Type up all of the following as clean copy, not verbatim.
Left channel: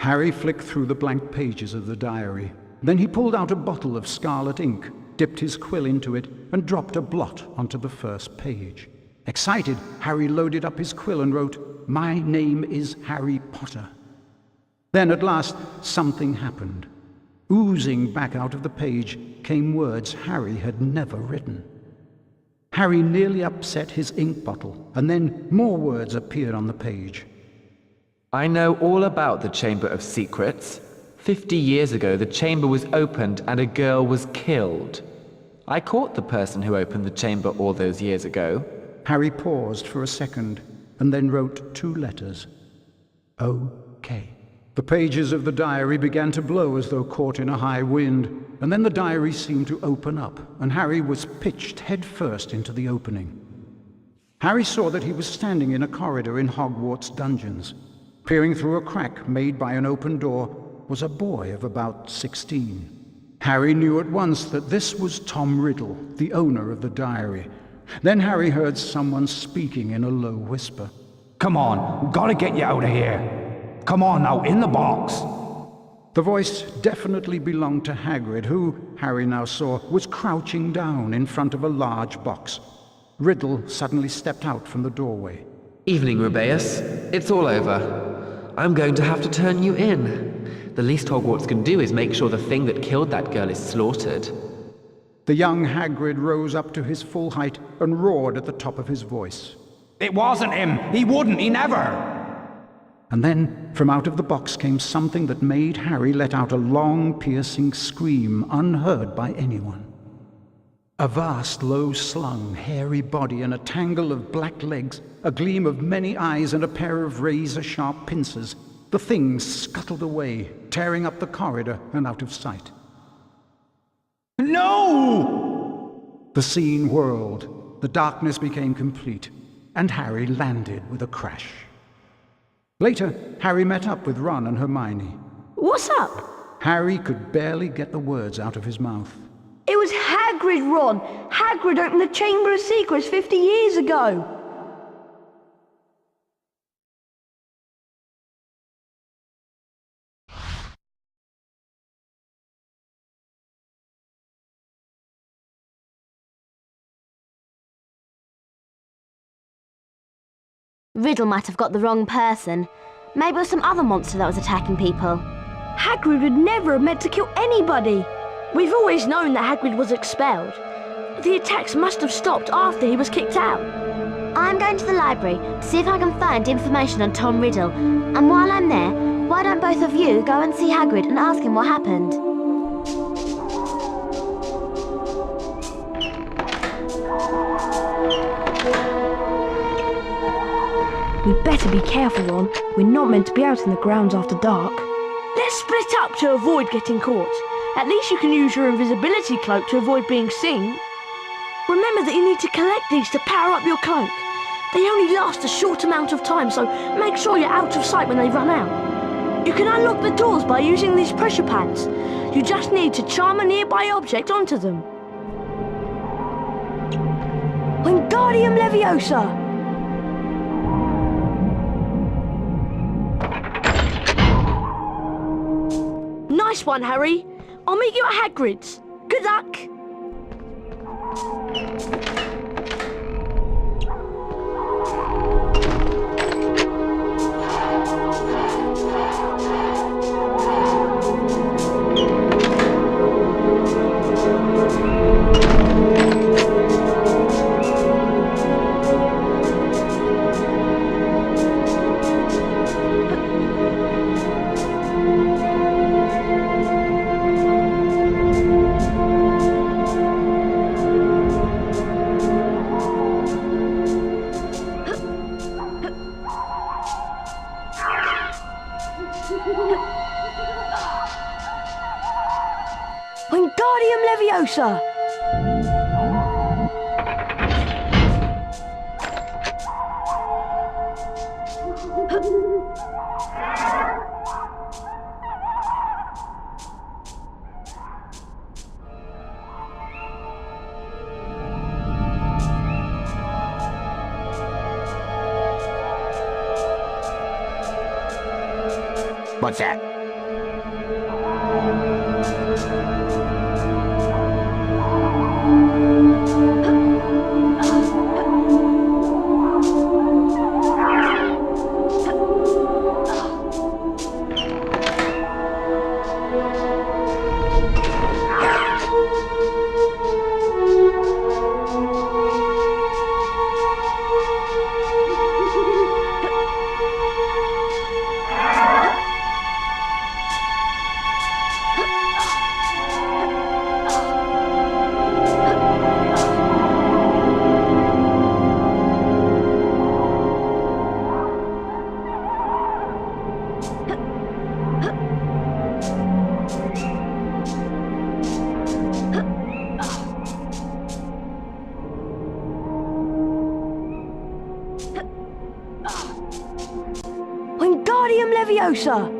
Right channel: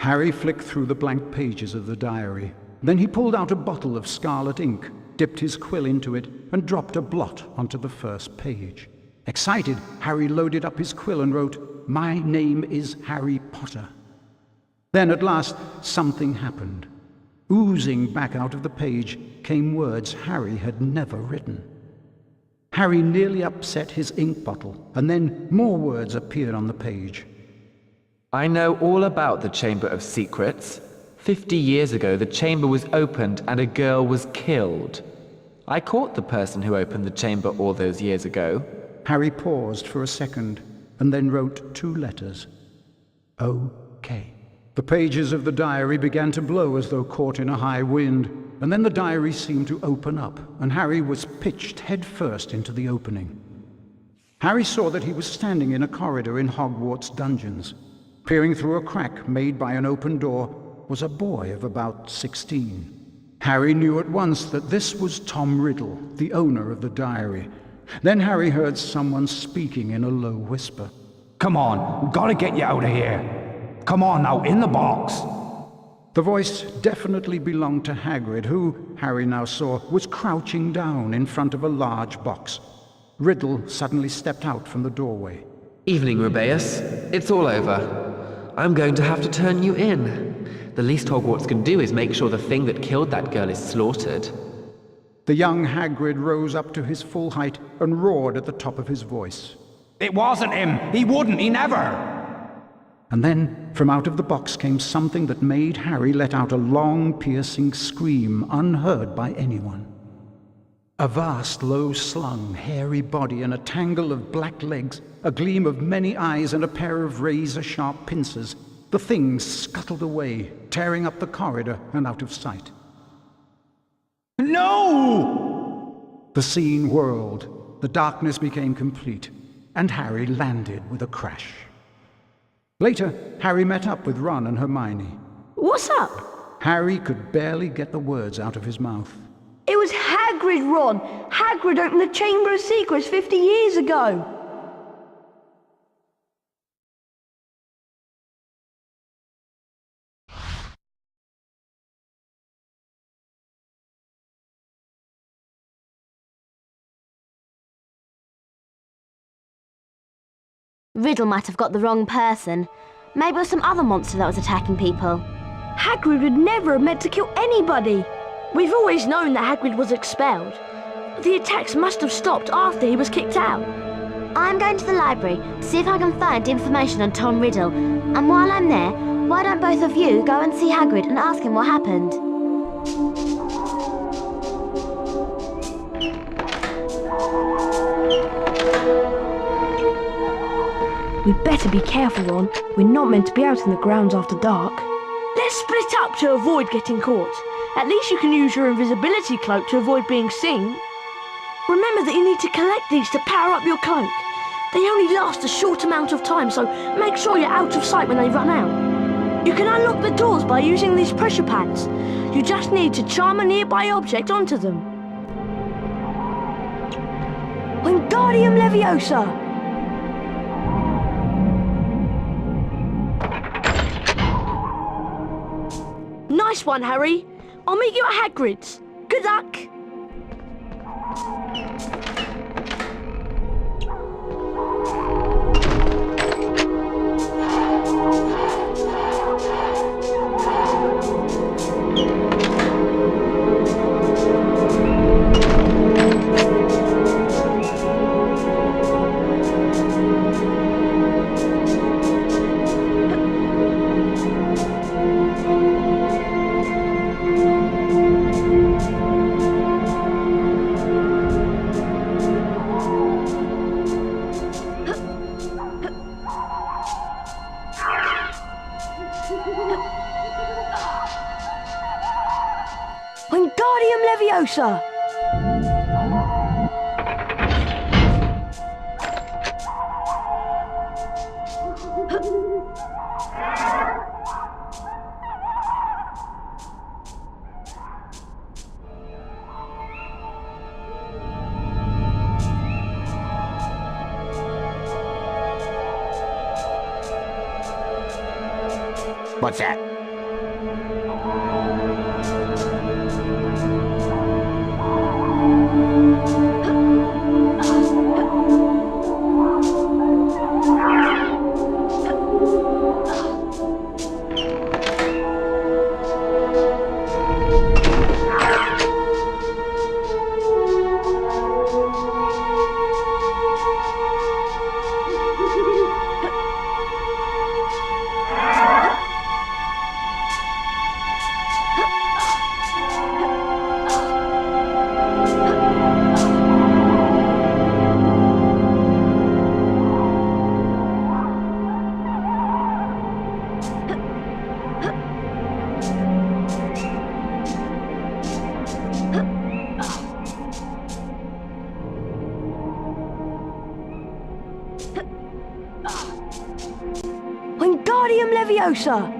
Harry flicked through the blank pages of the diary. Then he pulled out a bottle of scarlet ink, dipped his quill into it, and dropped a blot onto the first page. Excited, Harry loaded up his quill and wrote, "My name is Harry Potter." Then at last something happened. Oozing back out of the page came words Harry had never written. Harry nearly upset his ink bottle, and then more words appeared on the page. I know all about the Chamber of Secrets. 50 years ago, the chamber was opened and a girl was killed. I caught the person who opened the chamber all those years ago. Harry paused for a second, and then wrote 2 letters. O.K. The pages of the diary began to blow as though caught in a high wind, and then the diary seemed to open up, and Harry was pitched headfirst into the opening. Harry saw that he was standing in a corridor in Hogwarts dungeons. Peering through a crack made by an open door was a boy of about 16. Harry knew at once that this was Tom Riddle, the owner of the diary. Then Harry heard someone speaking in a low whisper. "Come on, we've got to get you out of here. Come on now, in the box." The voice definitely belonged to Hagrid, who, Harry now saw, was crouching down in front of a large box. Riddle suddenly stepped out from the doorway. Evening, Rubeus. It's all over. I'm going to have to turn you in. The least Hogwarts can do is make sure the thing that killed that girl is slaughtered. The young Hagrid rose up to his full height and roared at the top of his voice. "It wasn't him. He wouldn't. He never." And then, from out of the box came something that made Harry let out a long, piercing scream unheard by anyone. A vast, low-slung, hairy body and a tangle of black legs, a gleam of many eyes and a pair of razor-sharp pincers. The thing scuttled away, tearing up the corridor and out of sight. No! The scene whirled, the darkness became complete, and Harry landed with a crash. Later, Harry met up with Ron and Hermione. What's up? Harry could barely get the words out of his mouth. It was Hagrid, Ron. Hagrid opened the Chamber of Secrets 50 years ago. Riddle might have got the wrong person. Maybe it was some other monster that was attacking people. Hagrid would never have meant to kill anybody. We've always known that Hagrid was expelled. The attacks must have stopped after he was kicked out. I'm going to the library to see if I can find information on Tom Riddle. And while I'm there, why don't both of you go and see Hagrid and ask him what happened? We'd better be careful, Ron. We're not meant to be out in the grounds after dark. Let's split up to avoid getting caught. At least you can use your invisibility cloak to avoid being seen. Remember that you need to collect these to power up your cloak. They only last a short amount of time, so make sure you're out of sight when they run out. You can unlock the doors by using these pressure pads. You just need to charm a nearby object onto them. Wingardium Leviosa! Nice one, Harry. I'll meet you at Hagrid's. Good luck. Wingardium Leviosa! What's that? Wingardium Leviosa!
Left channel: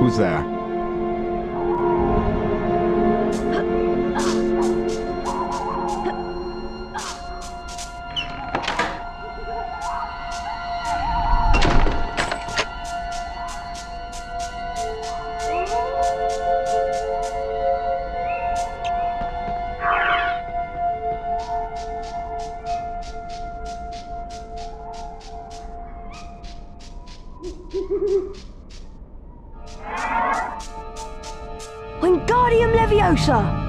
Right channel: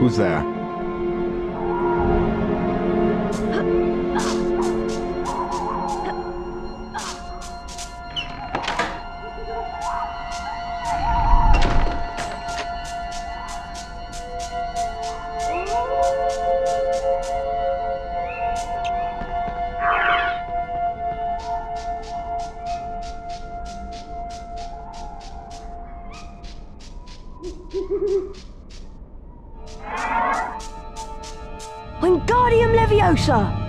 Who's there? Wingardium Leviosa!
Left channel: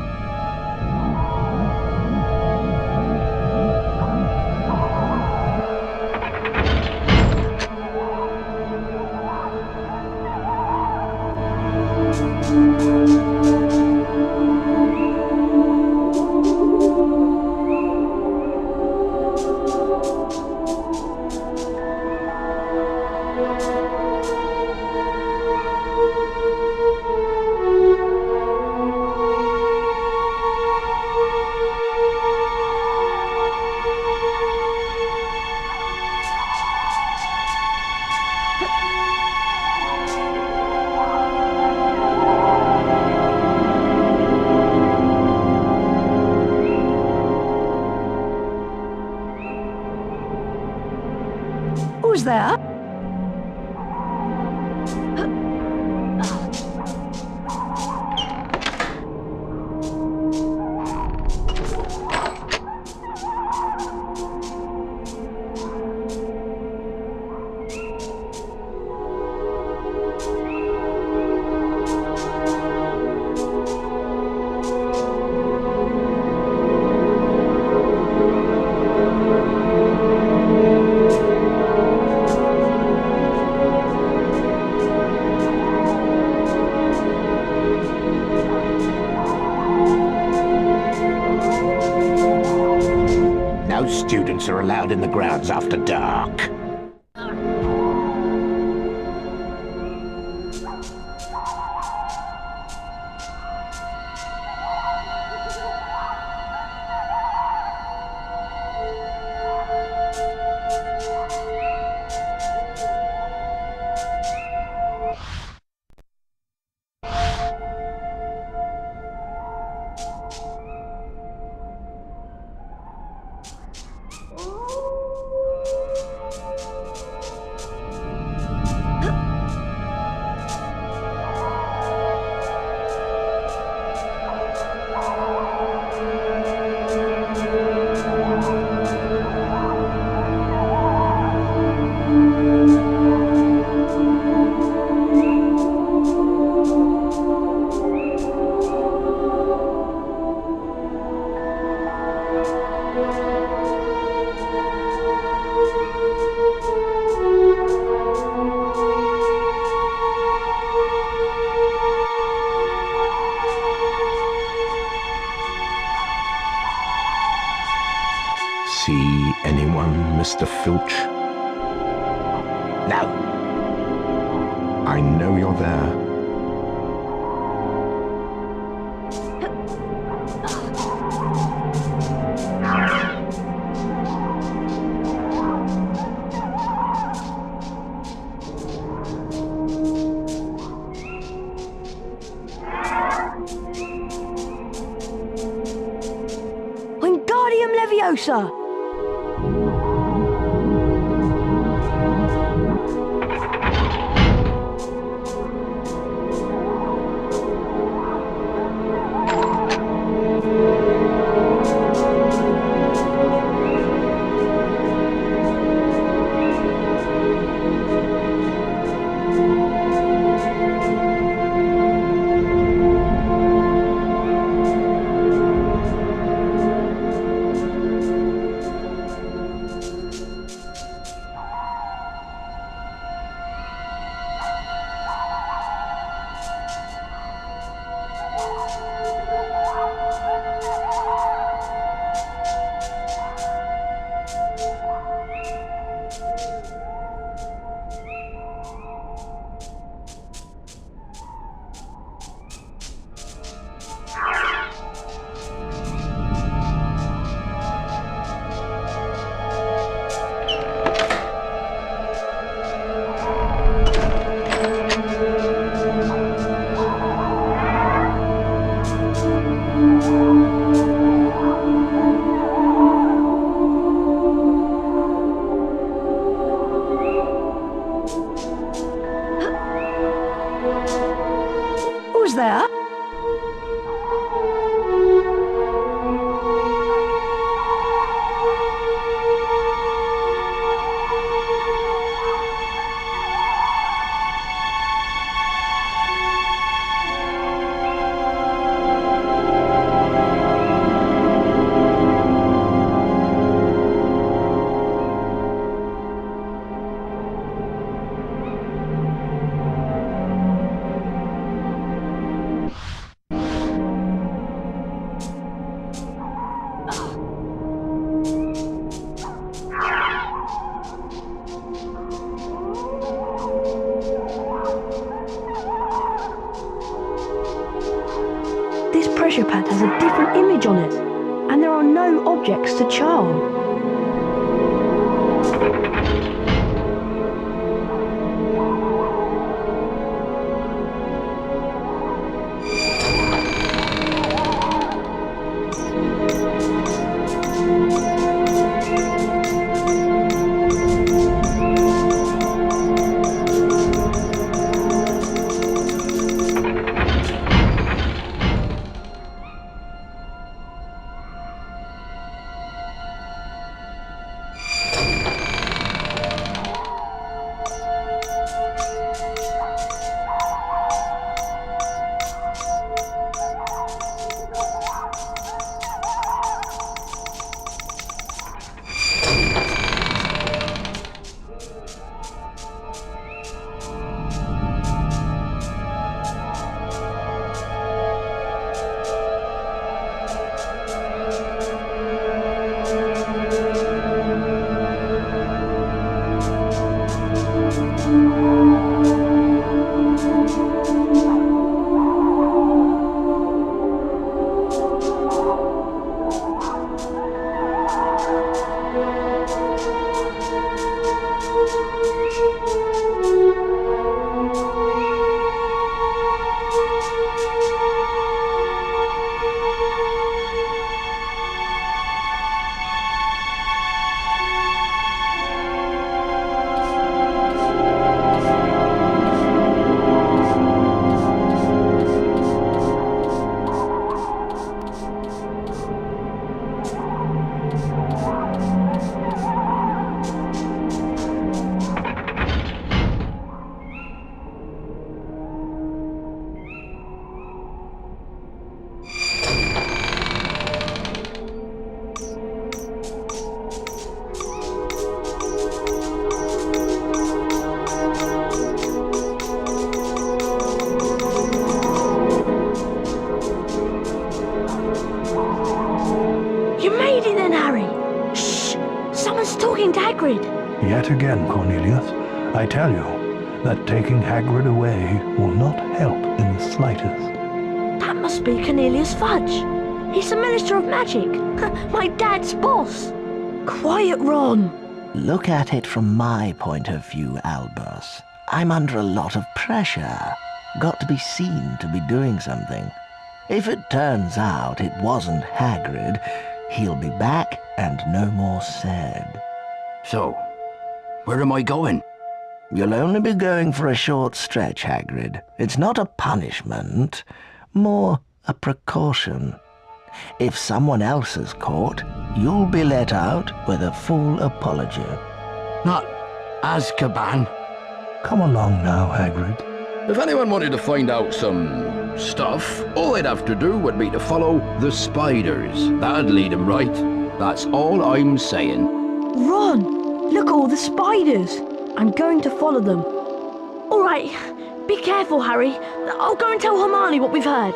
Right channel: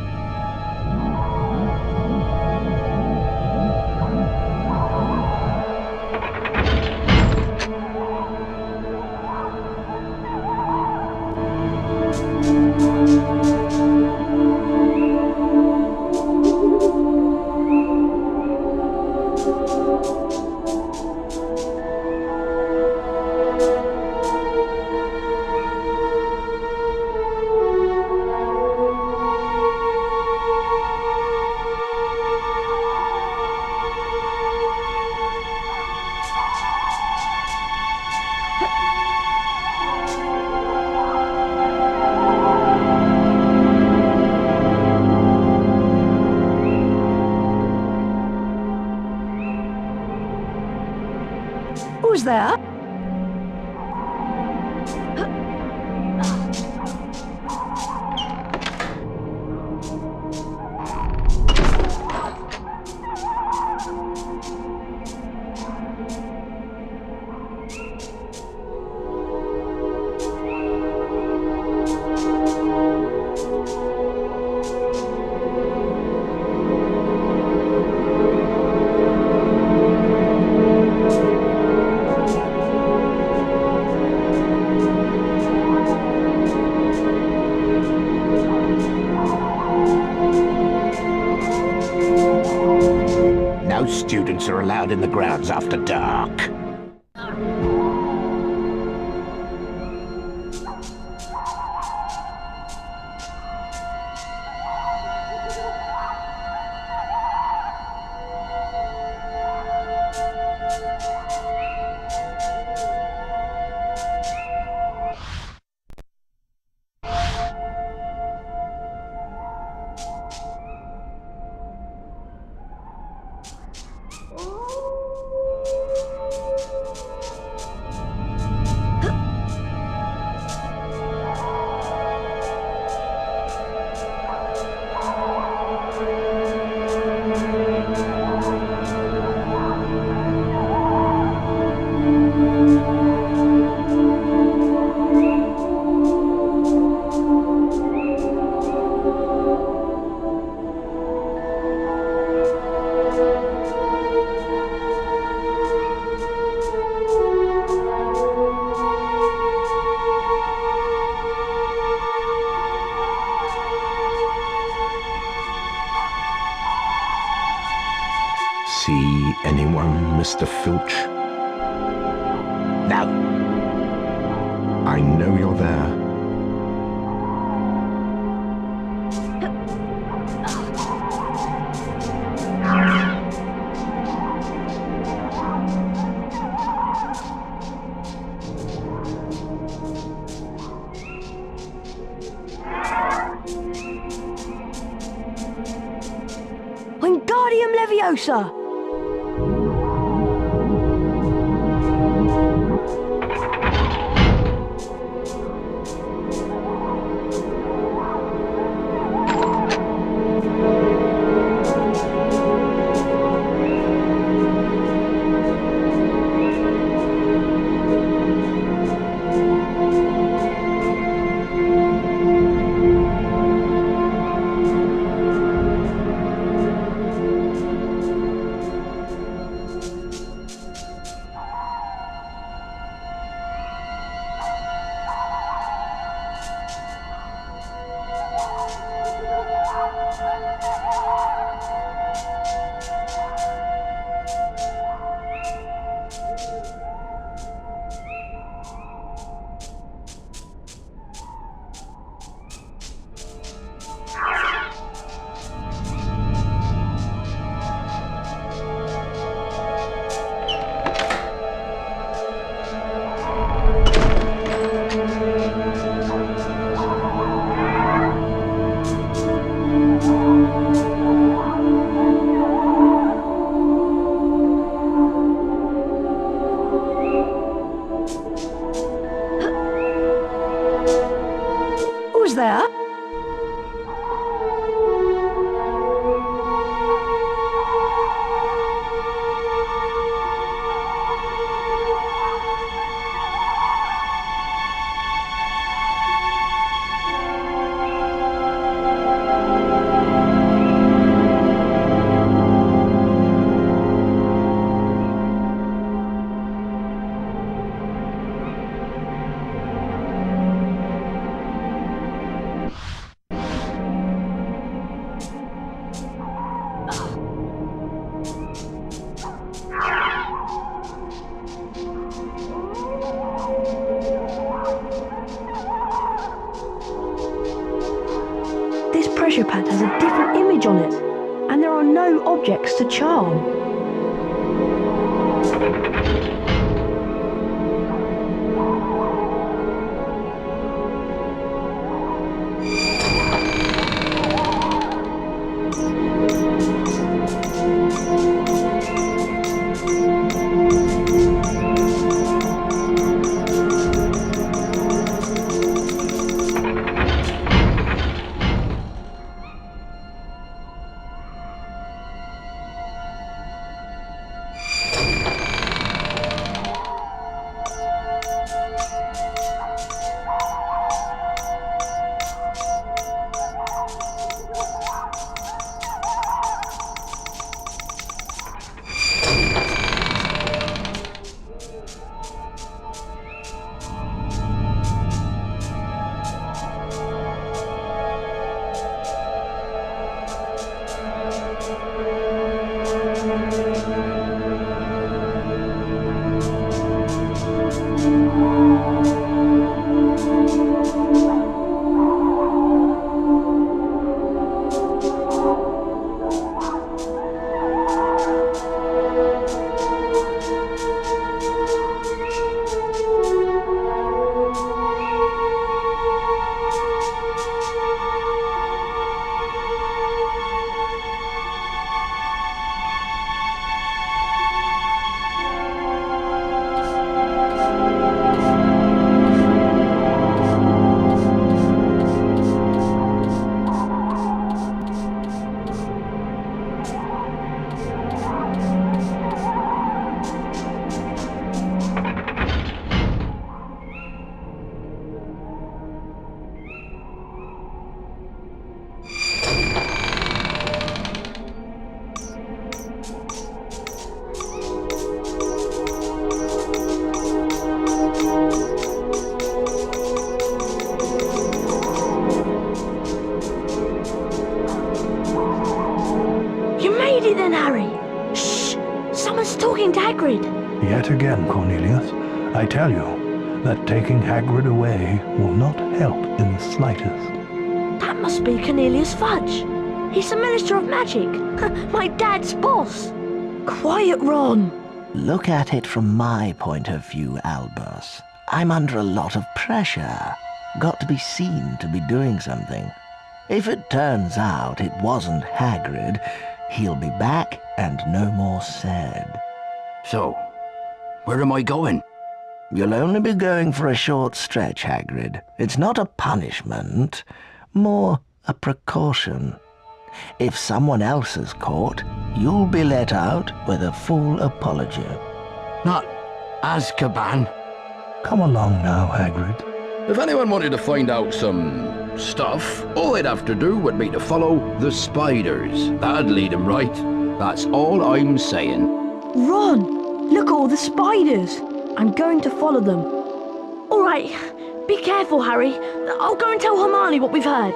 Who's there? No students are allowed in the grounds after dark. See anyone, Mr. Filch? No. I know you're there. Leviosa! Who's there? This pressure pad has a different image on it, and there are no objects to charm. You made it then, Harry! Shh! Someone's talking to Hagrid! Yet again, Cornelius, I tell you that taking Hagrid away will not help in the slightest. That must be Cornelius Fudge. He's the Minister of Magic. My dad's boss. Quiet, Ron. Look at it from my point of view, Albus. I'm under a lot of pressure. Got to be seen to be doing something. If it turns out it wasn't Hagrid, He'll be back and no more said. So, where am I going? You'll only be going for a short stretch, Hagrid. It's not a punishment, more a precaution. If someone else is caught, you'll be let out with a full apology. Not Azkaban. Come along now, Hagrid. If anyone wanted to find out some stuff, all they'd have to do would be to follow the spiders. That'd lead them right. That's all I'm saying. Ron, look at all the spiders. I'm going to follow them. All right, be careful, Harry. I'll go and tell Hermione what we've heard.